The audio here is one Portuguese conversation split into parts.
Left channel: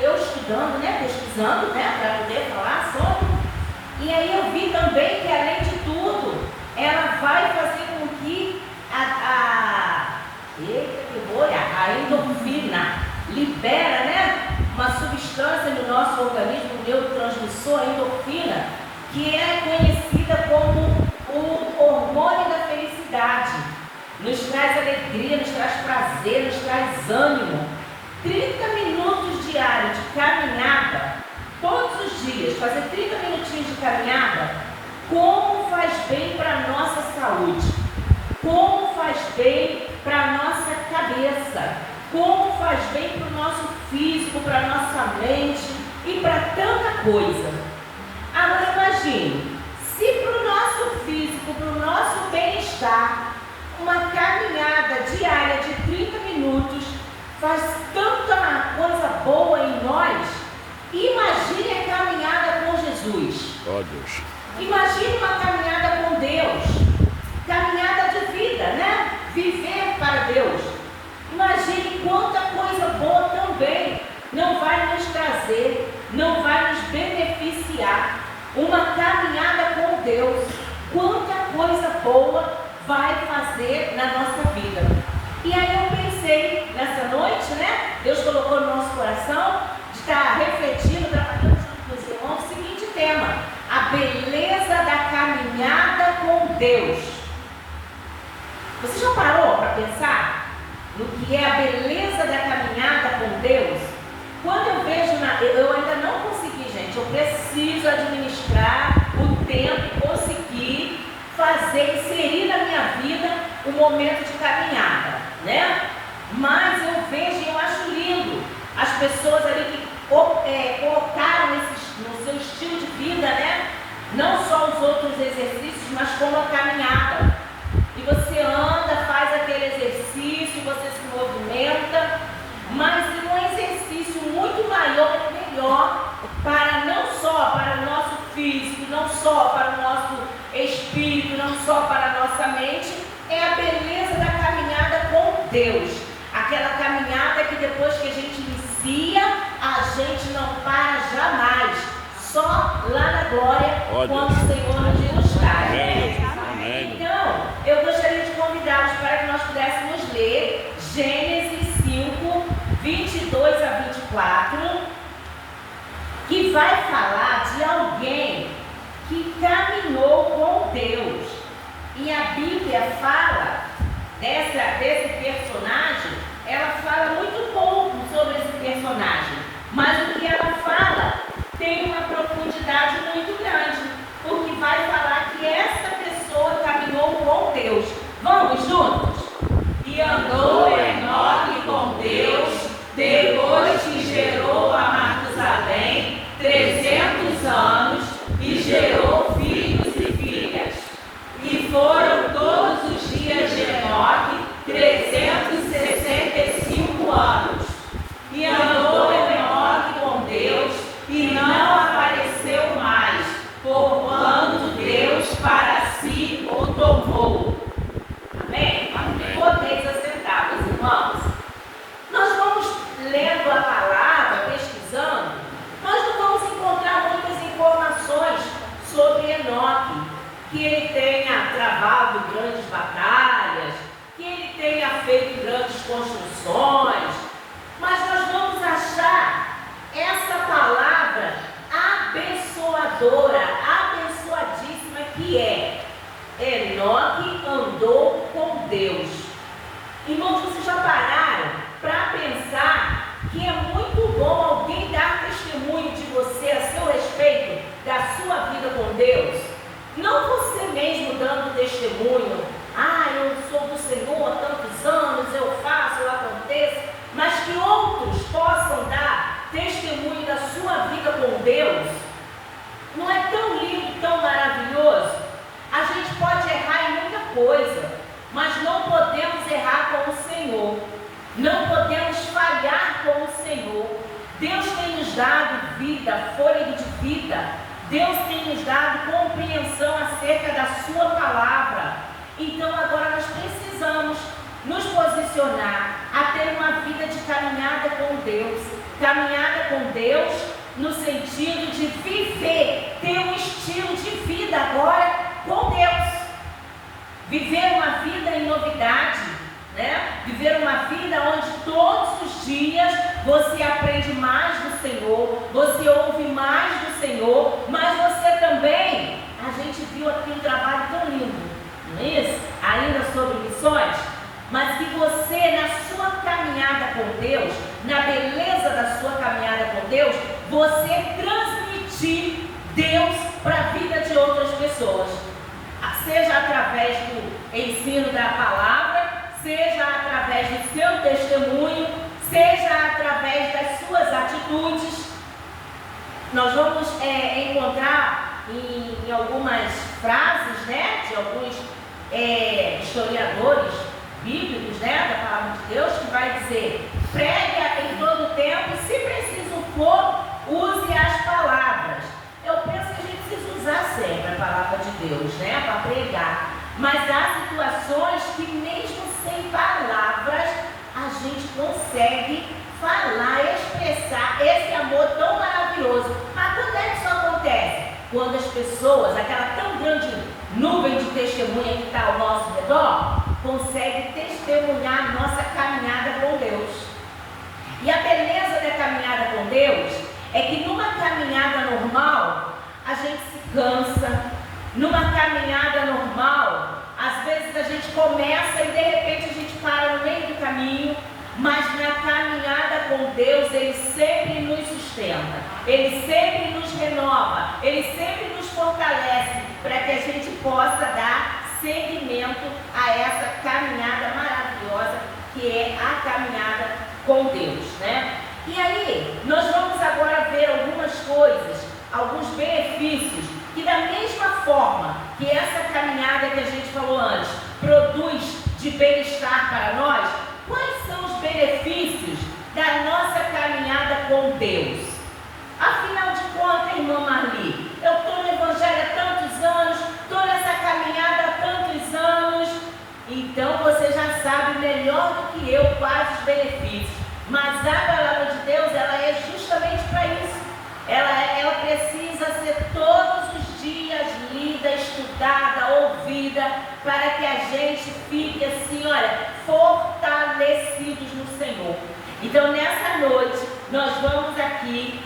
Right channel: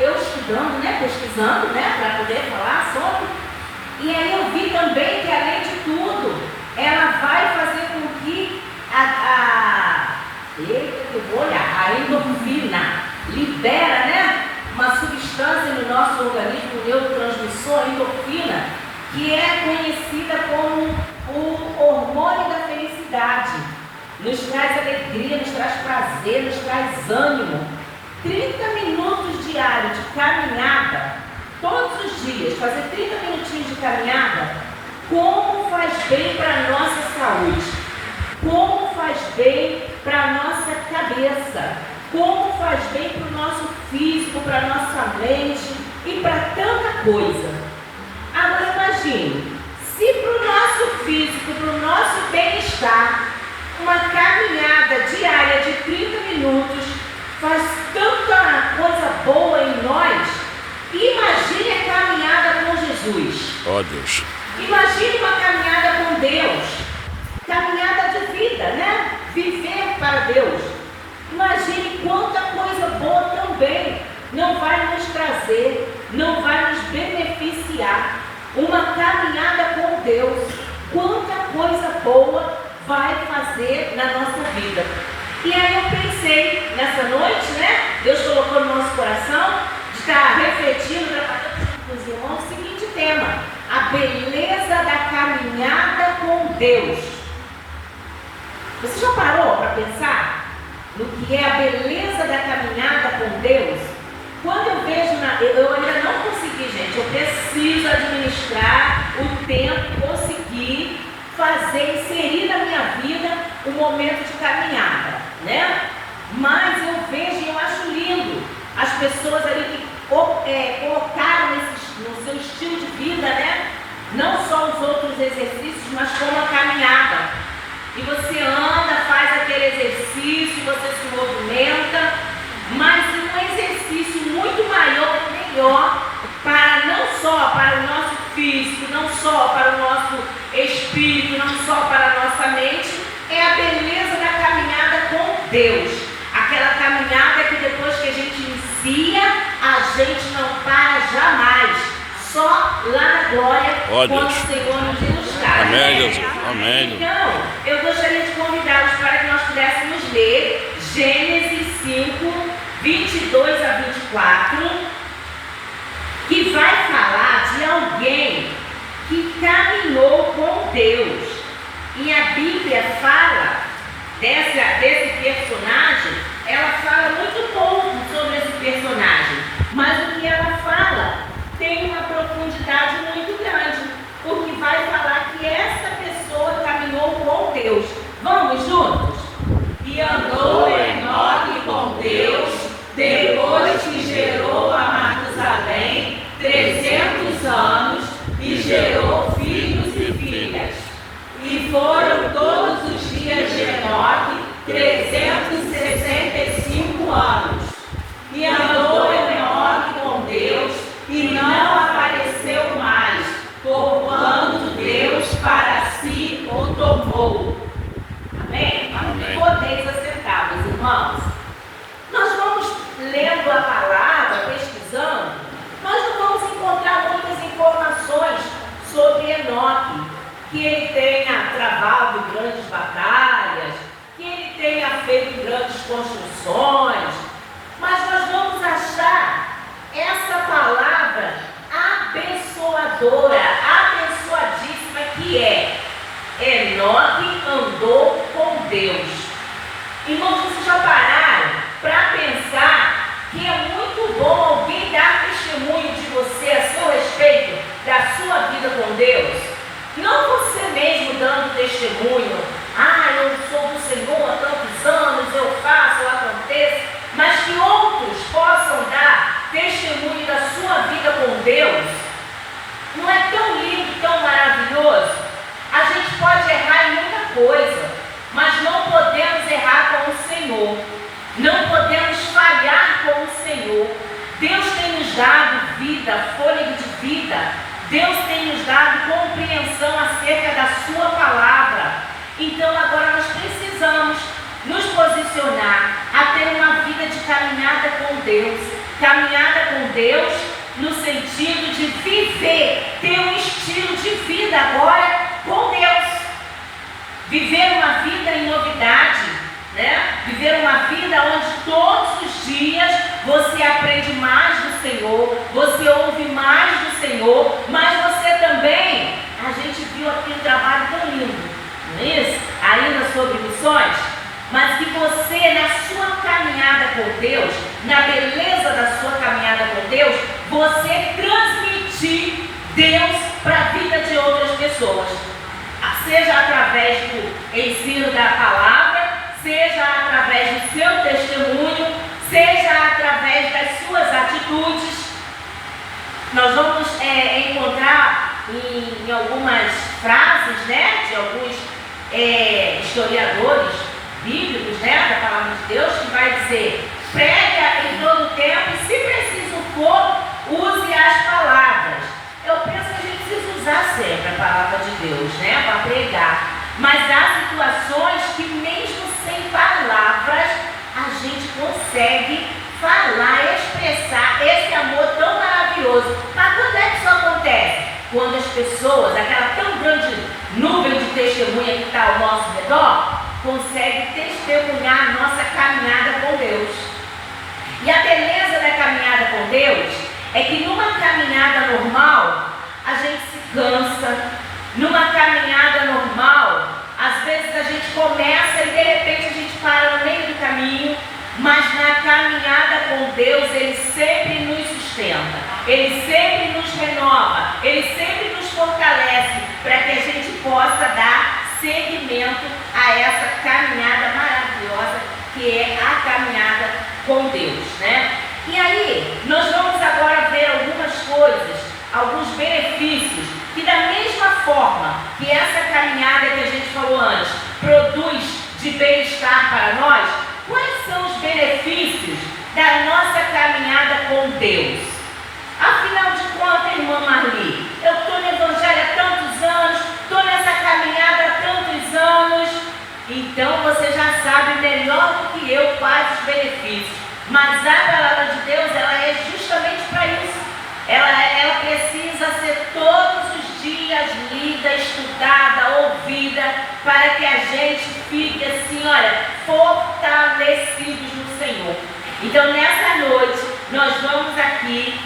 eu estudando, né, pesquisando, né, para poder falar sobre, e aí eu vi também que, além de tudo, ela vai fazer com que a endorfina libera, né, uma substância no nosso organismo, o neurotransmissor, a endorfina, que é conhecida como o hormônio da felicidade. Nos traz alegria, nos traz prazer, nos traz ânimo. 30 minutos diários de caminhada, todos os dias, fazer 30 minutinhos de caminhada, como faz bem para a nossa saúde, como faz bem para a nossa cabeça, como faz bem para o nosso físico, para a nossa mente e para tanta coisa. Agora imagine, se para o nosso físico, para o nosso bem-estar, uma caminhada diária de 30 minutos faz tanta coisa boa em nós, imagine a caminhada com Jesus. Ó Deus. Imagine uma caminhada com Deus, caminhada de vida, né? Viver para Deus. Imagine quanta coisa boa também não vai nos trazer, não vai nos beneficiar. Uma caminhada com Deus, quanta coisa boa vai fazer na nossa vida. E aí eu pensei, nessa noite, né? Deus colocou no nosso coração de estar refletindo, trabalhando com os irmãos, o seguinte tema: a beleza da caminhada com Deus. Você já parou para pensar no que é a beleza da caminhada com Deus? Quando eu vejo, eu ainda não consegui, gente, eu preciso administrar o tempo e conseguir fazer, inserir na minha vida um momento de caminhada, né? Mas eu vejo e eu acho lindo as pessoas ali que colocaram no seu estilo de vida, né? Não só os outros exercícios, mas como a caminhada. E você anda, faz aquele exercício, você se movimenta, mas um exercício muito maior e melhor para não só para o nosso físico, não só para o nosso espírito, não só para a nossa mente, é a beleza da caminhada com Deus. Aquela caminhada que depois que a gente inicia, a gente não para jamais. Só lá na glória, quando o Senhor nos buscar. Amém, Jesus. Amém. Então, eu gostaria de convidá-los para que nós pudéssemos ler Gênesis 5, 22 a 24, que vai falar de alguém que caminhou com Deus. E a Bíblia fala desse personagem, ela fala muito pouco sobre esse personagem, mas o que ela fala tem uma profundidade muito grande, porque vai falar que essa pessoa caminhou com Deus. Vamos juntos? E andou Enoque com Deus, depois que gerou a Matusalém 300 anos, e gerou filhos e filhas. E foram todos os dias de Enoque 365 anos. E andou Enoque com Deus, e não apareceu mais, porquanto Deus para si o tomou. Amém? Amém. Podeis assentar, meus irmãos. Nós vamos lendo a palavra, pesquisando, nós não vamos encontrar muitas informações sobre Enoque, que ele tenha travado grandes batalhas, que ele tenha feito grandes construções, mas nós vamos achar essa palavra abençoadora, abençoadíssima, que é: Enoque andou com Deus. Irmãos, vocês já pararam para pensar que é muito bom alguém dar testemunho de você a seu respeito, da sua vida com Deus? Não você mesmo dando testemunho: eu sou do Senhor há tantos anos, eu faço, eu aconteço, mas que outros possam dar testemunho da sua vida com Deus. Não é tão lindo, tão maravilhoso? A gente pode errar em muita coisa, mas não podemos errar com o Senhor. Não podemos falhar com o Senhor. Deus tem nos dado vida, fôlego de vida. Deus tem nos dado compreensão acerca da sua palavra. Então agora nós precisamos Caminhada com Deus no sentido de viver, ter um estilo de vida agora com Deus. Viver uma vida em novidade, né? Viver uma vida onde todos os dias você aprende mais do Senhor, você ouve mais do Senhor, mas você também, a gente viu aqui um trabalho tão lindo, não é isso? Ainda sobre missões, mas que você, na sua caminhada com Deus, na beleza da sua caminhada com Deus, você transmitir Deus para a vida de outras pessoas. Seja através do ensino da palavra, seja através do seu testemunho, seja através das suas atitudes. Nós vamos encontrar em algumas frases, né, de alguns historiadores bíblicos, né, da palavra de Deus, que vai dizer: prega em todo o tempo e, se preciso for, use as palavras. Eu penso que a gente precisa usar sempre a palavra de Deus, né, para pregar. Mas há situações que mesmo sem palavras a gente consegue falar, expressar esse amor tão maravilhoso. Mas quando é que isso acontece? Quando as pessoas, aquela tão grande nuvem de testemunha que está ao nosso redor, consegue testemunhar a nossa caminhada com Deus. E a beleza da caminhada com Deus é que numa caminhada normal, a gente se cansa. Numa caminhada normal, às vezes a gente começa e de repente a gente para no meio do caminho, mas na caminhada com Deus, Ele sempre nos sustenta, Ele sempre nos renova, Ele sempre nos fortalece para que a gente possa dar seguimento a essa caminhada maravilhosa que é a caminhada com Deus, né? E aí, nós vamos agora ver algumas coisas, alguns benefícios, que da mesma forma que essa caminhada que a gente falou antes produz de bem-estar para nós, quais são os benefícios da nossa caminhada com Deus? Afinal de contas, irmã Marli, eu estou no Evangelho há tantos anos, estou nessa caminhada há tantos anos, então você já sabe melhor do que eu quais os benefícios. Mas a palavra de Deus, ela é justamente para isso. Ela precisa ser todos os dias lida, estudada, ouvida, para que a gente fique assim, olha, fortalecidos no Senhor. Então, nessa noite, nós vamos aqui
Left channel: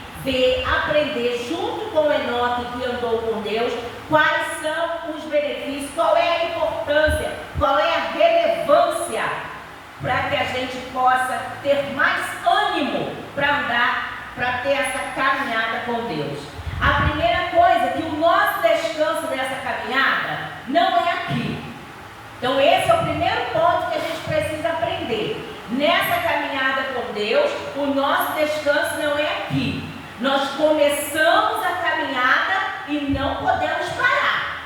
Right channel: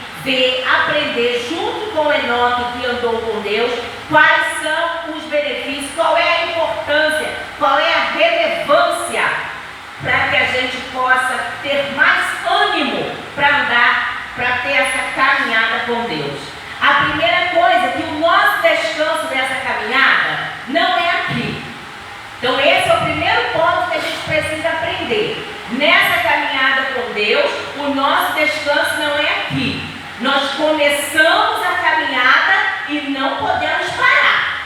aprender, junto com Enoque, que andou com Deus, quais são os benefícios, qual é a importância, qual é a relevância, para que a gente possa ter mais ânimo para andar, para ter essa caminhada com Deus. A primeira coisa, que o nosso descanso nessa caminhada não é aqui. Então esse é o primeiro ponto que a gente precisa aprender. Nessa caminhada com Deus, o nosso descanso não é aqui. Nós começamos a caminhada e não podemos parar.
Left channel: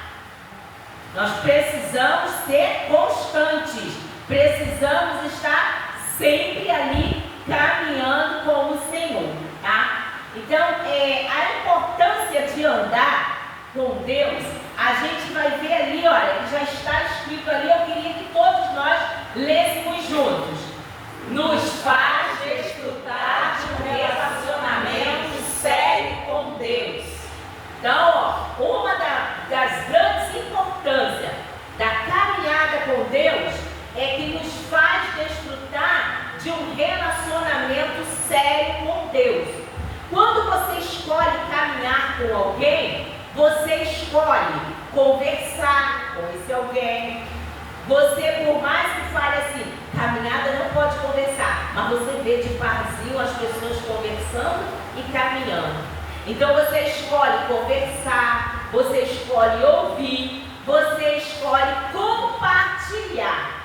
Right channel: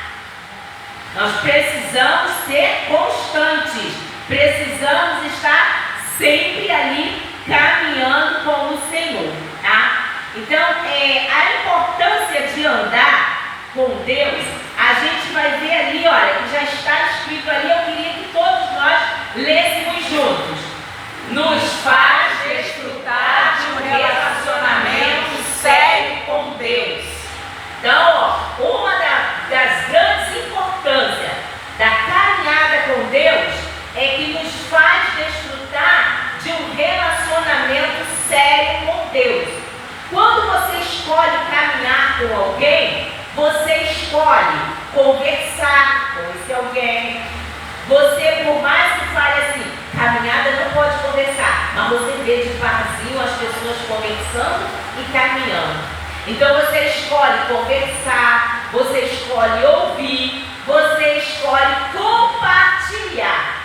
Nós precisamos ser constantes. Precisamos estar sempre ali caminhando com o Senhor, tá? Então, a importância de andar com Deus, a gente vai ver ali, olha, que já está escrito ali, eu queria que todos nós lêssemos juntos. Nos faz desfrutar de um relacionamento sério com Deus. Então, ó, uma das grandes importâncias da caminhada com Deus é que nos faz desfrutar de um relacionamento sério com Deus. Quando você escolhe caminhar com alguém, você escolhe conversar com esse alguém. Você, por mais que fale assim, caminhada não pode conversar, mas você vê devagarzinho as pessoas conversando e caminhando. Então você escolhe conversar, você escolhe ouvir, você escolhe compartilhar.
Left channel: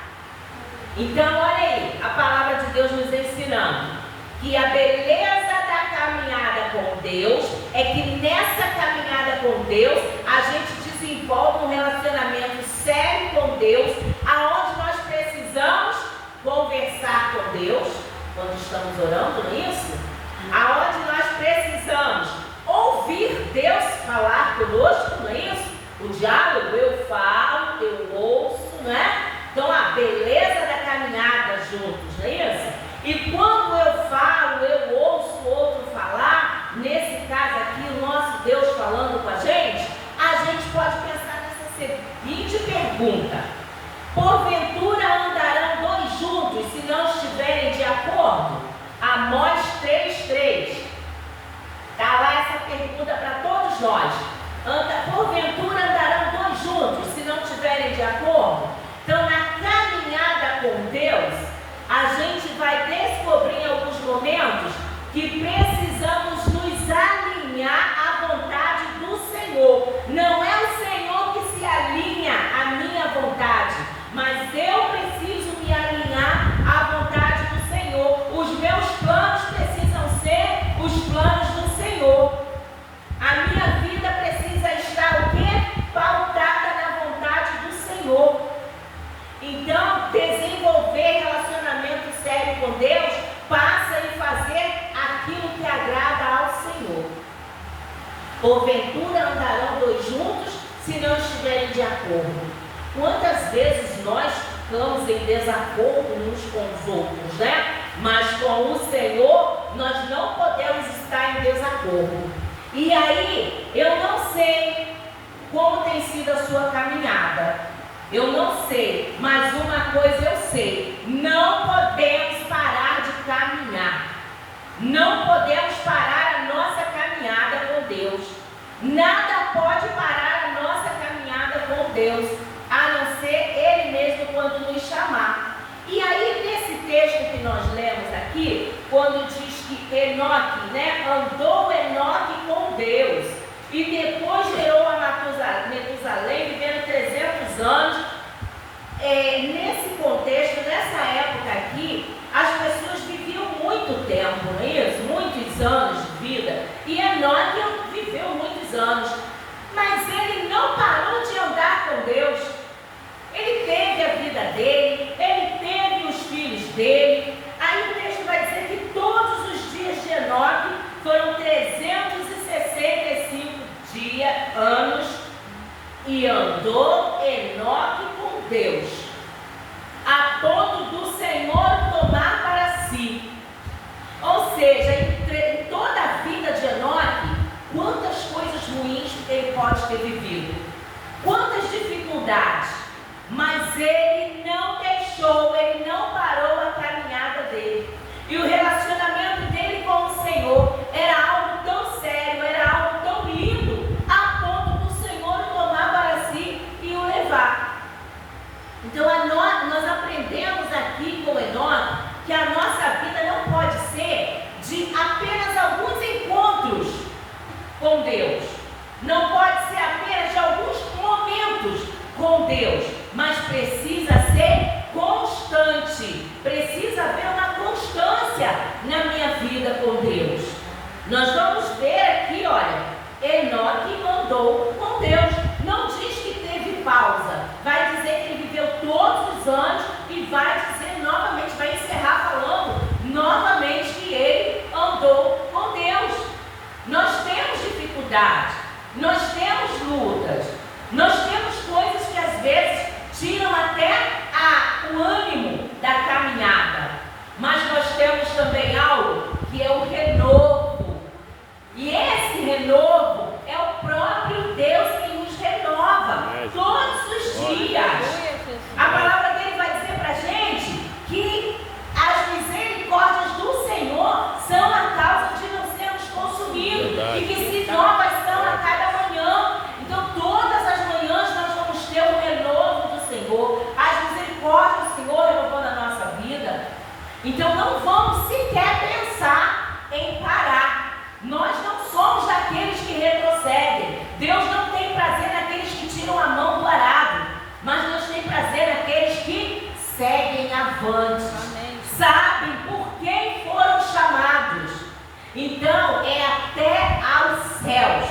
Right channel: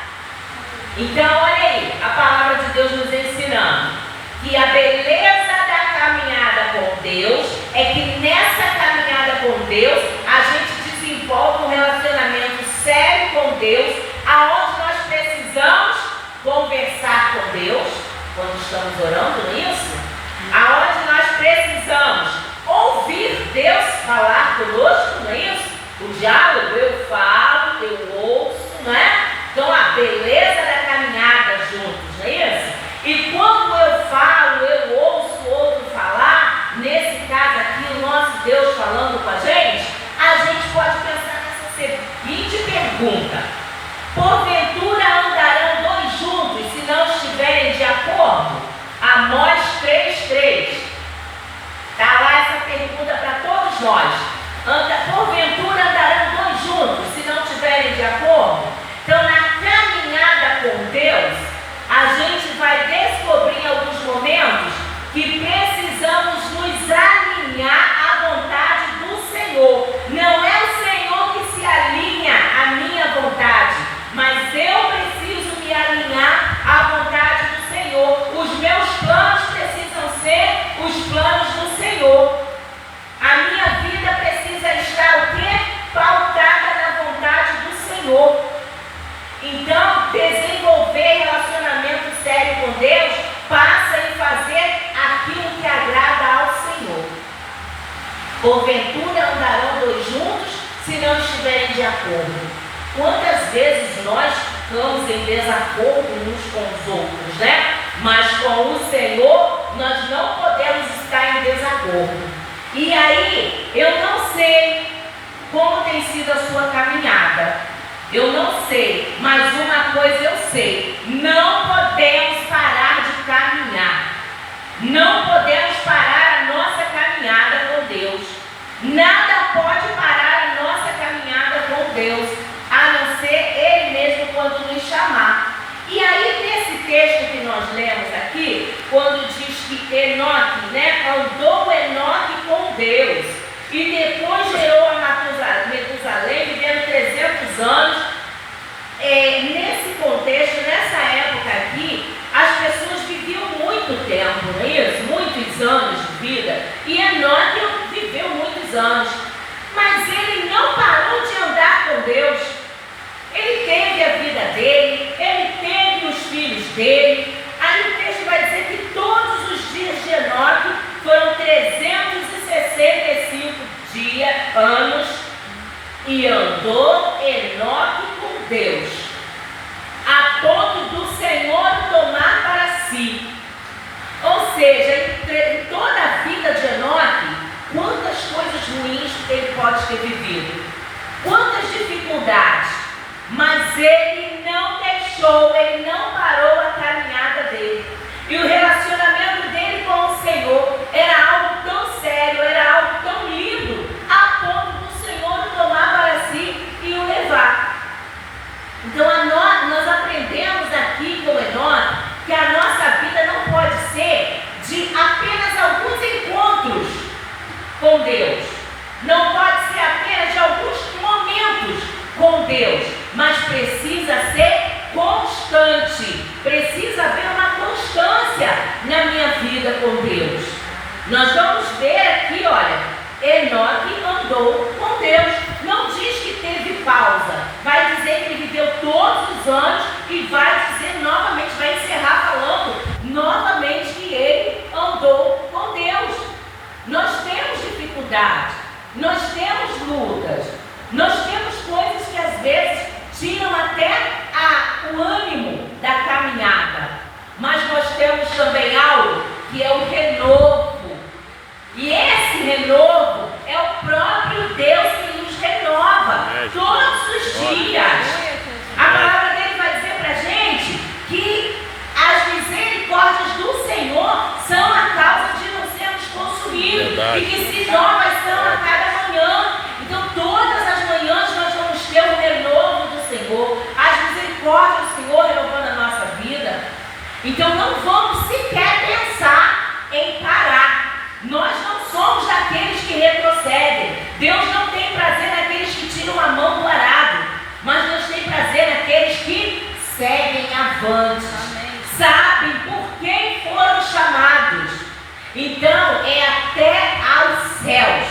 Então, olha aí, a palavra de Deus nos ensinando que a beleza da caminhada com Deus é que nessa caminhada com Deus, a gente desenvolve um relacionamento sério com Deus, aonde nós precisamos conversar com Deus, quando estamos orando, não é isso? Aonde nós precisamos ouvir Deus falar conosco, não é isso? O diálogo, eu falo, eu ouço, não é? Então, a beleza da caminhada juntos, não é isso? E quando eu falo, eu ouço pergunta: porventura andarão dois juntos se não estiverem de acordo? Amós 3:3. Está lá essa pergunta para todos nós. Porventura andarão dois juntos se não estiverem de acordo? Então, na caminhada com Deus, a gente vai descobrir em alguns momentos que precisamos nos alinhar à vontade do Senhor. Não é o Senhor que se alinha à minha vontade, mas eu preciso me alinhar à vontade do Senhor. Os meus planos precisam ser os planos do Senhor. A minha vida precisa estar o quê? Pautada na vontade do Senhor. Então, desenvolver relacionamento sério com Deus passa em fazer aquilo que agrada ao Senhor. Porventura andarão dois juntos se não estiverem de acordo. Quantas vezes nós ficamos em desacordo uns com os outros, né? Mas com o Senhor nós não podemos estar em desacordo. E aí, eu não sei como tem sido a sua caminhada. Eu não sei, mas uma coisa eu sei: não podemos parar de caminhar. Não podemos parar a nossa caminhada com Deus. Nada pode parar a nossa caminhada com Deus, a não ser Ele mesmo quando nos chamar. E aí, nesse texto que nós lemos aqui, quando diz que Enoque, andou Enoque com Deus, e depois gerou a Metusalém, vivendo 300 anos. Nesse contexto, nessa época aqui, as pessoas viviam muito tempo, não é isso? Muitos anos de vida. E Enoque viveu muitos anos, mas ele não parou de andar com Deus. Ele teve a vida dele, ele teve os filhos dele. Aí o texto vai dizer que todos os dias de Enoque foram 365 anos, e andou Enoque com Deus, a ponto do Senhor tomar para si. Ou seja, em toda a vida de Enoque, quantas coisas ruins ele pode ter vivido, quantas dificuldades, mas ele não deixou, ele não parou a caminhada dele. E o relacionamento dele com o Senhor era algo tão sério, era algo tão lindo, a ponto do Senhor o tomar para si e o levar. Então nós aprendemos aqui com Enoque que a nossa vida não pode ser de apenas alguns encontros com Deus. Não pode ser apenas de alguns momentos com Deus, mas precisa ser constante. Precisa haver uma constância na minha vida com Deus. Nós vamos ver aqui, olha, Enoque andou com Deus. Não diz que teve pausa. Vai dizer que ele viveu todos os anos e vai dizer novamente, vai encerrar falando novamente que ele andou com Deus. Nós temos dificuldades, nós temos lutas, nós temos coisas que às vezes tiram até o ânimo da caminhada, mas nós temos também algo que é o renovo, e esse renovo é o próprio Deus que nos renova todos os dias. A palavra dele vai dizer para a gente que as misericórdias do Senhor são a causa de não sermos consumidos. Verdade. E que se novas são a cada manhã. Então todas as manhãs nós vamos ter o renovo do Senhor, as misericórdias do Senhor renovando a nossa vida. Então não vamos sequer pensar em parar. Nós não somos daqueles que retrocedem. Deus não tem prazer naqueles que tiram a mão do arado, mas Deus tem prazer naqueles que seguem avante. Amém. Sabem por quem foram chamados. Então é até aos céus.